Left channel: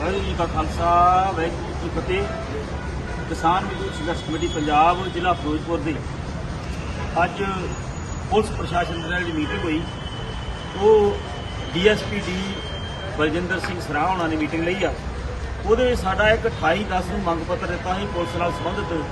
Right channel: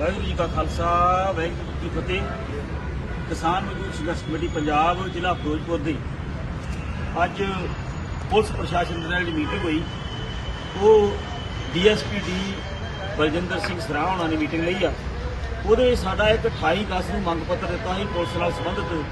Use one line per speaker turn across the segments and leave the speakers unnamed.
ਵਾਹਿਗੁਰੂ ਜੀ ਕਾ ਖਾਲਸਾ, ਵਾਹਿਗੁਰੂ ਜੀ ਕੀ ਫਤਿਹ। ਕਿਸਾਨ ਮਜ਼ਦੂਰ ਸੰਘਰਸ਼ ਕਮੇਟੀ ਪੰਜਾਬ, ਜ਼ਿਲ੍ਹਾ ਫਿਰੋਜ਼ਪੁਰ ਦੀ। ਅੱਜ ਪੁਲਿਸ ਪ੍ਰਸ਼ਾਸਨ ਦੇ ਨਾਲ ਜਿਹੜੀ ਮੀਟਿੰਗ ਹੋਈ, ਉਹ ਡੀਐਸਪੀ ਡੀ ਬਲਜਿੰਦਰ ਸਿੰਘ ਸਰਾਹ ਹੋਣਾ ਨੇ ਮੀਟਿੰਗ ਲਈ ਆ। ਉਹਦੇ ਸਾਡਾ ਇੱਕ 28 10 ਨੂੰ ਮੰਗ ਪੱਤਰ ਦਿੱਤਾ ਸੀ, ਪੁਲਿਸ ਨਾਲ ਸੰਬੰਧਿਤ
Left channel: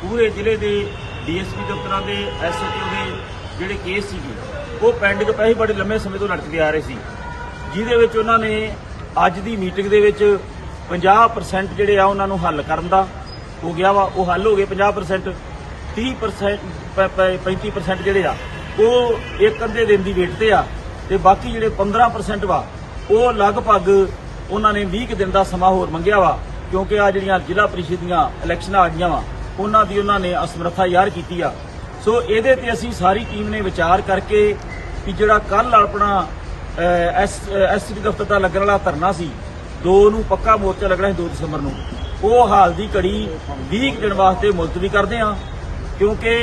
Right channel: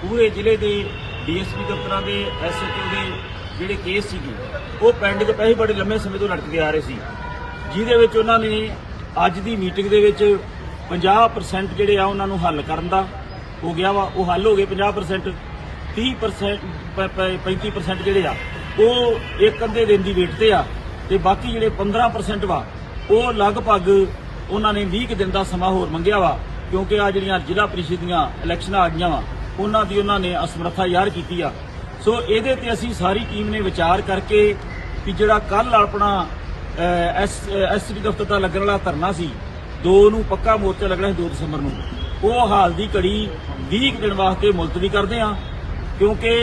ਪੂਰੇ ਜ਼ਿਲ੍ਹੇ ਦੇ ਡੀਐਸਪੀ ਦਫ਼ਤਰਾਂ ਦੇ, ਐਸਐਚਓ ਦੇ ਜਿਹੜੇ ਕੇਸ ਸੀਗੇ, ਉਹ ਪੈਂਡਿੰਗ ਪਏ ਸੀ ਬੜੇ ਲੰਮੇ ਸਮੇਂ ਤੋਂ ਲਟਕਦੇ ਆ ਰਹੇ ਸੀ। ਜਿਹਦੇ ਵਿੱਚ ਉਹਨਾਂ ਨੇ ਅੱਜ ਦੀ ਮੀਟਿੰਗ ਦੇ ਵਿੱਚ 50% ਜਿਹੜੇ ਆ ਉਹਨਾਂ ਨੂੰ ਹੱਲ ਕਰਨ ਦਾ ਹੋ ਗਿਆ ਵਾ, ਉਹ ਹੱਲ ਹੋ ਗਏ 50% 30% ਪ- 35% ਜਿਹੜੇ ਆ, ਉਹ ਇੱਕ ਅੱਧੇ ਦਿਨ ਦੀ ਵੇਟ ਤੇ ਆ ਤੇ ਬਾਕੀ ਜਿਹੜੇ 15% ਵਾ, ਉਹ ਲਗਭਗ ਉਹਨਾਂ ਨੇ 20 ਕੁ ਦਿਨ ਦਾ ਸਮਾਂ ਹੋਰ ਮੰਗਿਆ ਵਾ, ਕਿਉਂਕਿ ਆ ਜਿਹੜੀਆਂ ਜ਼ਿਲ੍ਹਾ ਪ੍ਰੀਸ਼ਦ ਦੀਆਂ ਇਲੈਕਸ਼ਨਾਂ ਆ ਗਈਆਂ ਵਾ, ਉਹਨਾਂ ਦੀ ਉਹਨਾਂ ਨੇ ਅਸਮਰੱਥਾ ਯਾਰ ਕੀਤੀ ਆ। ਸੋ ਇਹਦੇ ਤੇ ਅਸੀਂ ਸਾਰੀ ਟੀਮ ਨੇ ਵਿਚਾਰ ਕਰਕੇ ਕਿ ਜਿਹੜਾ ਕੱਲ ਆਪਣਾ ਐਸਟੀ ਦਫ਼ਤਰ ਦਾ ਲੱਗਣ ਵਾਲਾ ਧਰਨਾ ਸੀ। ਦੋ ਨੂੰ ਪੱਕਾ ਮੋਰਚਾ ਲੱਗਣਾ ਸੀ 2 ਦਸੰਬਰ ਨੂੰ। ਉਹ ਹਾਲ ਦੀ ਘੜੀ 20 ਕੁ ਦਿਨ ਵਾਸਤੇ ਮੁਲਤਵੀ ਕਰਦੇ ਆ, ਕਿਉਂਕਿ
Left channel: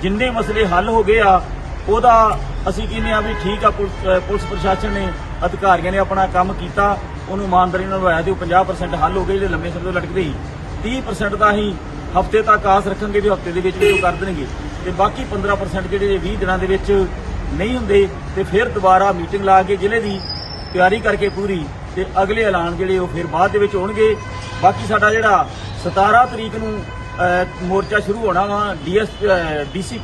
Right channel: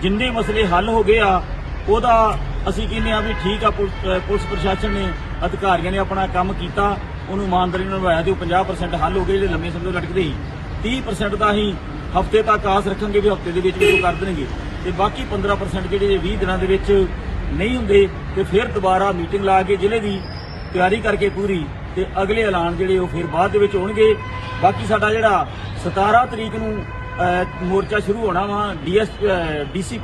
ਜਿੰਨੇ ਮਸਲੇ ਹੱਲ ਹੋ ਗਏ ਆ, ਉਹਦਾ ਅਸੀਂ ਕਹਿੰਦੇ ਆ ਵੀ ਠੀਕ ਆ ਪੁਲਿਸ ਪੁਲਿਸ ਪ੍ਰਸ਼ਾਸਨ ਨੇ, ਅਧਿਕਾਰੀਆਂ ਨੇ ਆਪਣਾ ਕੰਮ ਕੀਤਾ, ਉਹਨੂੰ ਇਮਾਨਦਾਰੀ ਨਾਲ ਨਿਭਾਇਆ ਤੇ ਉਹ 50% ਹੱਲ ਹੋ ਗਏ, ਜਿਹੜੇ ਲੰਮੇ ਸਮੇਂ ਤੋਂ ਲਟਕਦੇ ਸੀ। 30% ਦਾ ਅਸੀਂ ਹਫ਼ਤੇ ਤੱਕ ਆਸ ਰੱਖਾਂਗੇ ਵੀ ਹਫ਼ਤੇ ਦੇ ਵਿੱਚ ਵਿੱਚ ਉਹ ਕਰ ਦੇਣਗੇ। ਤੇ ਬਾਕੀ 15% ਜਿਹੜੇ ਇਹ 20 ਦਿਨਾਂ ਦੇ ਵਿੱਚ ਨਹੀਂ ਹੁੰਦੇ ਤੇ ਫਿਰ ਦੁਬਾਰਾ ਮੀਟਿੰਗ ਲਾ ਕੇ ਜ਼ਿਲ੍ਹੇ ਦੀ ਤਿਆਰੀ ਕਰਕੇ ਪੂਰੀ ਤੇ ਅਗਲੇ ਐਲਾਨ ਜਿਹੜੇ ਉਹ ਫਿਰ ਬਾਅਦ ਦੇ ਵਿੱਚ ਹੋਣਗੇ। ਬਾਕੀ ਸਾਡਾ ਜਿਹੜਾ 17 ਤਰੀਕ ਨੂੰ ਮੋਰਚਾ ਸ਼ੁਰੂ ਹੋਣਾ ਵਾ, ਡੀਐਸ ਡੀਸੀ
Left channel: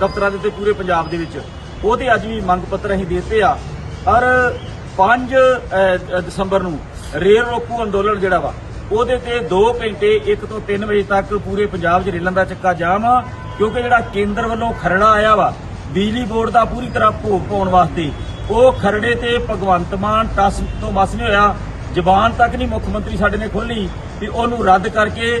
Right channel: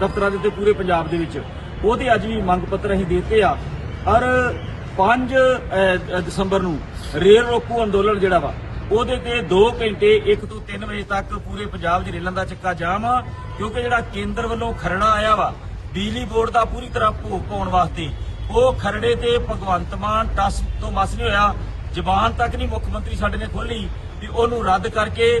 ਦਫ਼ਤਰਾਂ ਦੇ ਉੱਤੇ ਪੂਰੇ ਪੰਜਾਬ ਦੇ ਵਿੱਚ, ਉਹ ਤੇ ਅੱਜ ਵੀ ਮੰਗ ਪੱਤਰ ਅਸੀਂ ਦਿੱਤੇ ਆ। ਔਰ 5 ਦਸੰਬਰ ਨੂੰ ਰੇਲ ਰੋਕੂ ਅੰਦੋਲਨ ਜਿਹੜਾ ਵਾ, ਉਹਦੇ ਤੇ 2 ਘੰਟੇ 1 ਤੋਂ 3 ਵਜੇ ਤੱਕ ਪੂਰੇ ਪੰਜਾਬ 'ਚ ਰੇਲਾਂ ਦਾ ਚੱਕਾ ਜਾਮ ਆ, ਕਿਉਂਕਿ ਜਿਹੜਾ ਕੇਂਦਰ ਵੱਲੋਂ ਖਰੜਾ ਆਇਆ ਵਾ ਬਿਜਲੀ ਬੋਰਡ ਦਾ ਪੂਰੀ ਤਰ੍ਹਾਂ ਭੋਗ ਪਾਉਣ ਵਾਸਤੇ ਉਹ ਖਰੜੇ ਤੇ ਭਗਵੰਤ ਮਾਨ ਟਸ ਤੋਂ ਮਸ ਨਹੀਂ ਹੋਇਆ। ਜ਼ਬਾਨ ਤੱਕ ਨਹੀਂ ਮੁੱਖ ਮੰਤਰੀ ਸਾਡੇ ਨੇ ਖੋਲੀ ਵੀ ਉਹਨੂੰ ਰੱਦ ਕਰਕੇ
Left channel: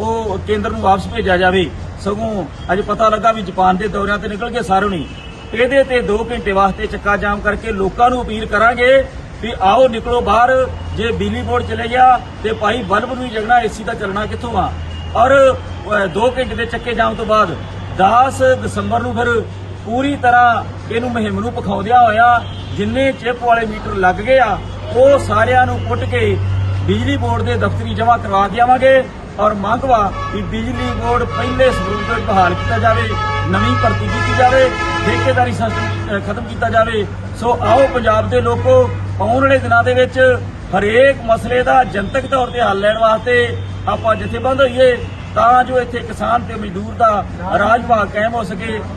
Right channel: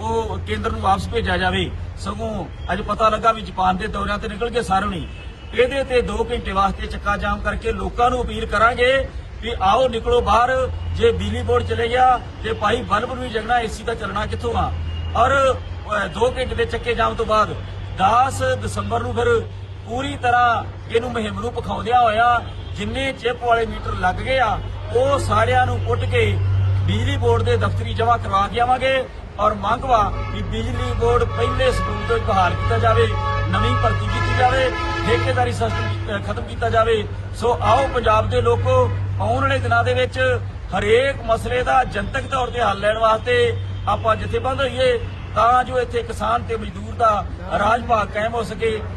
ਉਹ ਕੇਂਦਰ ਨੂੰ ਵਾਪਸ ਭੇਜਿਆ ਜਾਵੇ। ਸਗੋਂ ਅੱਜ ਪਤਾ ਲੱਗਾ ਵੀ ਜਾਪਾਨ ਦੇ ਦੌਰਿਆਂ ਤੇ ਨਿਕਲ ਗਏ ਸਾਰੇ ਨਹੀਂ। ਇਹਦੇ ਤੇ 2 ਘੰਟੇ ਵਾਸਤੇ ਚੱਕਾ ਜਾਮ ਕਰਕੇ ਲੋਕਾਂ ਨੂੰ ਅਪੀਲ ਕਰਾਂਗੇ ਵੀ ਆਓ ਨਿਕਲੋ ਬਾਹਰ। ਜੇ ਬਿਜਲੀ ਬੋਰਡ ਚਲੇ ਗਿਆ ਤੇ ਭਾਈ ਬਲਬ ਨੂੰ ਹੀ ਜਗਣਾ, ਏਸੀ ਦਾ ਚੱਲਣਾ ਕਿੱਥੋਂ ਆ? ਔਰ 2 ਘੰਟੇ ਦੇ ਚੱਕੇ ਜਾਮ ਤੋਂ ਬਾਅਦ 10 ਦਸੰਬਰ ਨੂੰ ਫਿਰ ਪੂਰੀ ਤਰ੍ਹਾਂ ਇਹਨੂੰ ਮੁਹਿੰਮ ਨੂੰ ਪਖਾਉਂਦਿਆਂ ਹੋਇਆ ਜਿੰਨੇ ਚਿਪ ਵਾਲੇ ਮੀਟਰ ਲੱਗ ਗਏ ਆ, ਉਹ ਸਾਰਿਆਂ ਨੂੰ ਪੁੱਟ ਕੇ ਬਿਜਲੀ ਬੋਰਡ ਦੇ ਦਫ਼ਤਰੀ ਜਮ੍ਹਾਂ ਕਰਵਾ ਦਿਆਵਾਂਗੇ ਔਰ ਮੰਗ ਵਾ ਕਿ ਬਿਜਲੀ ਬੋਰਡ ਪਹਿਲੇ ਸਰੂਪ ਵਿੱਚ ਬਹਾਲ ਕੀਤਾ ਜਾਵੇ, ਨਵੀਂ ਭਰਤੀ ਕੀਤੀ ਜਾਵੇ, ਠੇਕੇਦਾਰੀ ਸਿਸਟਮ ਖਤਮ ਕੀਤਾ ਜਾਵੇ। ਸੋ ਆਓ ਪੰਜਾਬ ਦੇ ਲੋਕੋ, ਆਉਣ ਵਾਲੇ ਦਿਨਾਂ ਦੇ ਵਿੱਚ ਹਰੇਕ ਮਸਲੇ ਦਾ ਜਨਤਕ ਤੌਰ ਤੇ ਹੱਲ ਲੈਣ ਵਾਸਤੇ ਆਪਾਂ ਜਥੇਬੰਦ ਹੋਈਏ ਤਾਂ ਜੋ ਇੱਥੇ ਕਿਸਾਨ ਤੇ ਮਜ਼ਦੂਰ ਦਾ ਰਾਜ ਭਾਗ ਕਾਇਮ ਹੋ ਸਕੇ।